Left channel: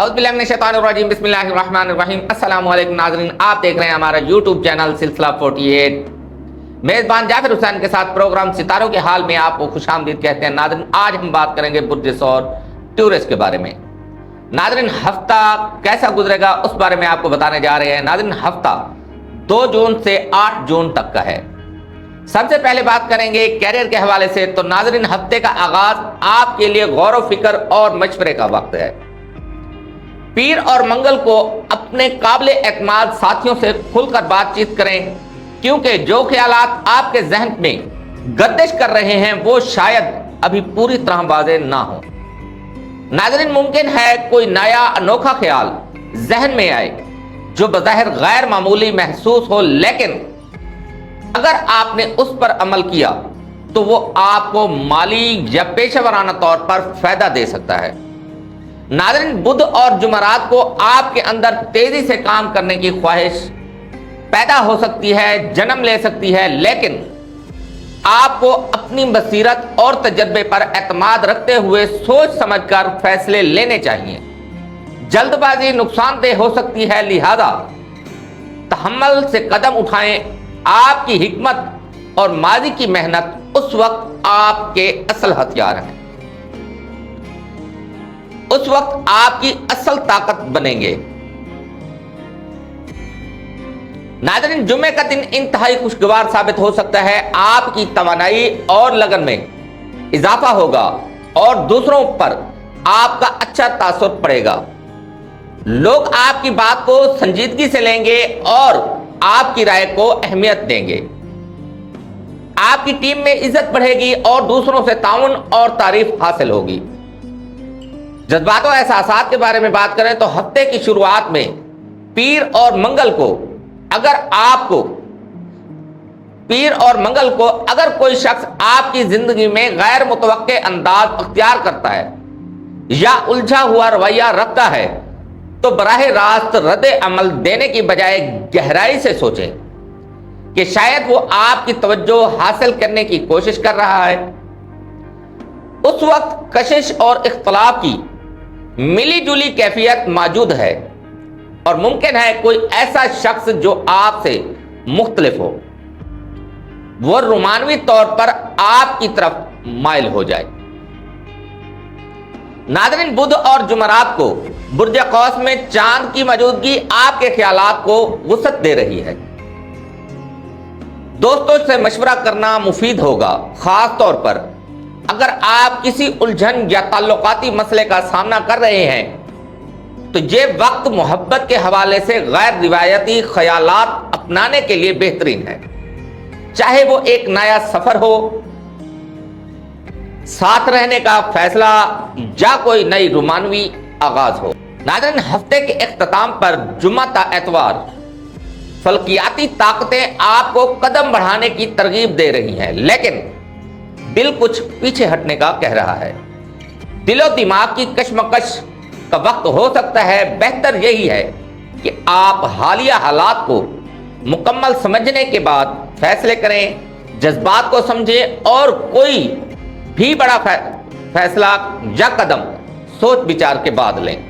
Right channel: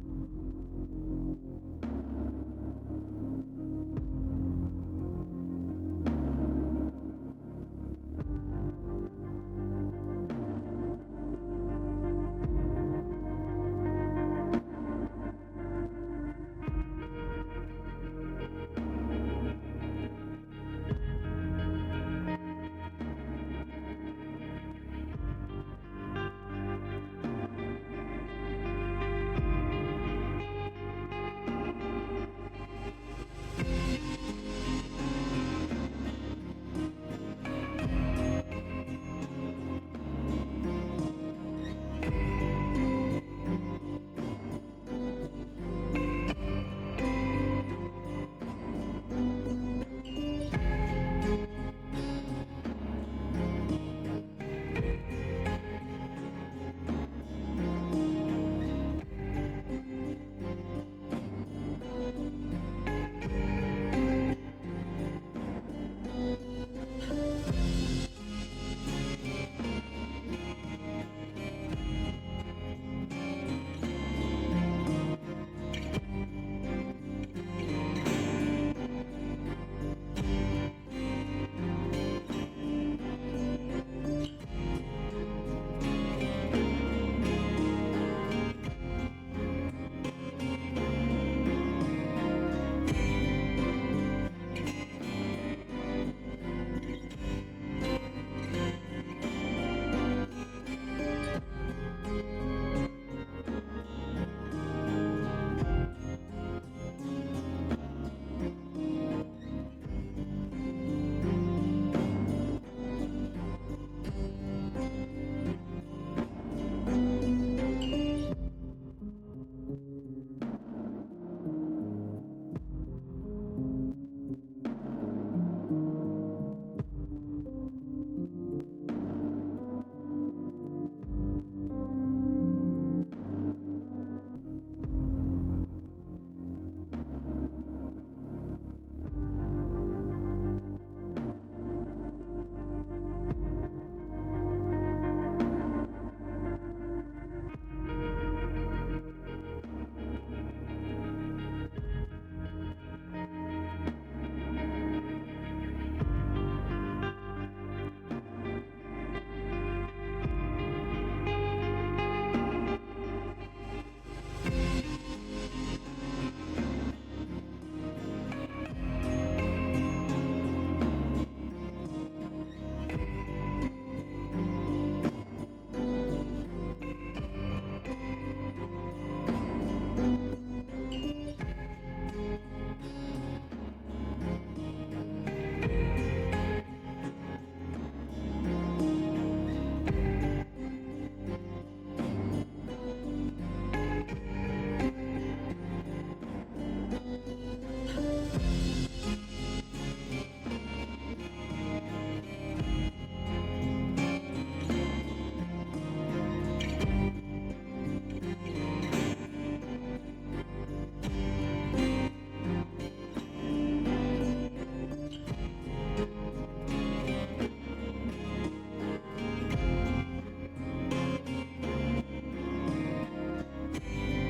औज़ुबिल्लाहिमिनश्शैतानिर्रजीम बिस्मिल्लाहिर्रहमानिर्रहीम। अस्सलाम वालेकुम नाज़रीन, आप देख रहे हैं हमारा यूट्यूब चैनल सिलसिला 48। मेज़बान जाफिर हुसैन के साथ प्रोग्राम सितारों के हाल में आपको खुशामदीद कहते हैं। नाज़रीन, आज हम बात करेंगे बुर्ज सौर टूरिस्ट के बारे में। नाज़रीन, हफ्ता कैसा गुजरेगा उस बारे में आपको बताने जा रहे हैं। नाज़रीन, हफ्ता 2 जून से 8 जून तक का है। सबसे पहले बात करेंगे कैरियर के हवाले से। तो नाज़रीन, हफ्ते का आगाज आपके लिए गौर व फिक्र और मशवरे का वक्त है। पीर और मंगल को अपने काबिल एतमाद साथियों से खुलकर बातचीत करें, क्योंकि जो ख्यालात आपके जहन में गर्दिश कर रहे हैं वो शायद अभी पूरी तरह वाज़ेह ना हो। नाज़रीन, मुमकिन है कोई नया अनोखा ख्याल जहन में आए जो बज़ाहिर गैर मामूली महसूस हो, लेकिन अगर आपने उस पर अमल किया तो वो आपको माली या पेशेवराना तौर पर फायदा दे सकता है। नाज़रीन, बुध और जुमरात को आपके अंदर तेजी से काम करने की ख्वाहिश पैदा हो सकती है, जन्म ले सकती है, लेकिन आपको अपनी बसीरत और तजर्बे पर एतमाद रखते हुए सोच समझकर फैसले लेने चाहिए। जल्दबाजी नुकसानदेह हो सकती है, लिहाजा तहम्मुल से कदम उठाएं। आपकी हिकमत और माजी की मेहनत उस वक्त आपके असल हथियार हैं, उस वक्त आपकी असल ताकत बनेंगे। नाज़रीन, जुम्मे का दिन इंतहाई खुशगवार साबित हो सकता है। आपकी तवानाई और लगन में इजाफा होगा और दूसरों पर आपका अच्छा तासुर पड़ेगा। लोग आपकी बात को संजीदगी से लेंगे और आपकी राय को अहमियत देंगे। आपकी टीम में इज्जत बढ़ेगी और दूसरों से ताउन और तारीफ हासिल होगी। जज्बात और एहसासात के बारे में बात करें तो हफ्ते की शुरुआत में पीर और मंगल को अगर कोई शख्स आपकी जिंदगी में गैर मुतवक्के अंदाज अख्तियार करता है या उलझा हुआ रवैया रखता है तो बराह रास्त रद्द अमल देने की बजाय गहराई से सोचें कि शायद वो आपकी तवज्जो हासिल करने की कोशिश कर रहा है। उस वक्त कशिश और इख्तलाफ की मिली जुली कैफियत मौजूद है और मुमकिन है कोई ऐसा शख्स जो आपसे मुख्तलिफ हो वो रोमानवी तौर पर आपकी तरफ माइल हो जाए। नाज़रीन, बुध और जुमरात को बुर्ज कौस में चांद की मौजूदगी आपके ख्यालात को वुसअत दे रही है। दोस्तों से मशवरा करना मुफीद होगा, खास तौर पर अगर आप किसी उलझन या ताल्लुकाती मसले का सामना कर रहे हैं तो ये वक्त मोहब्बत के हवाले से गैर रिवायती ख्यालात अपनाने के लिए बेहतरीन है। चाहे वो एक नया सफर हो, साथ रहने का फैसला या कोई नई रोमानवी आगाज हो। नाज़रीन, हफ्ते के इख्तिताम पर जुम्मा ता एतवार फल्कियाती ताकतें आपको कदम बढ़ाने की तरगीब दे रही हैं, लेकिन दिल कुछ पीछे हटने का कह रहा है। दिलो दिमाग की कशमकश का वक्त हो सकता है। बेहतर यही है कि आप हालिया हालात को मुकम्मल समझने के बाद फैसले करें, जज्बात को समझें और कोई भी बड़ा फैसला या कदम सोच विचार के बाद लें।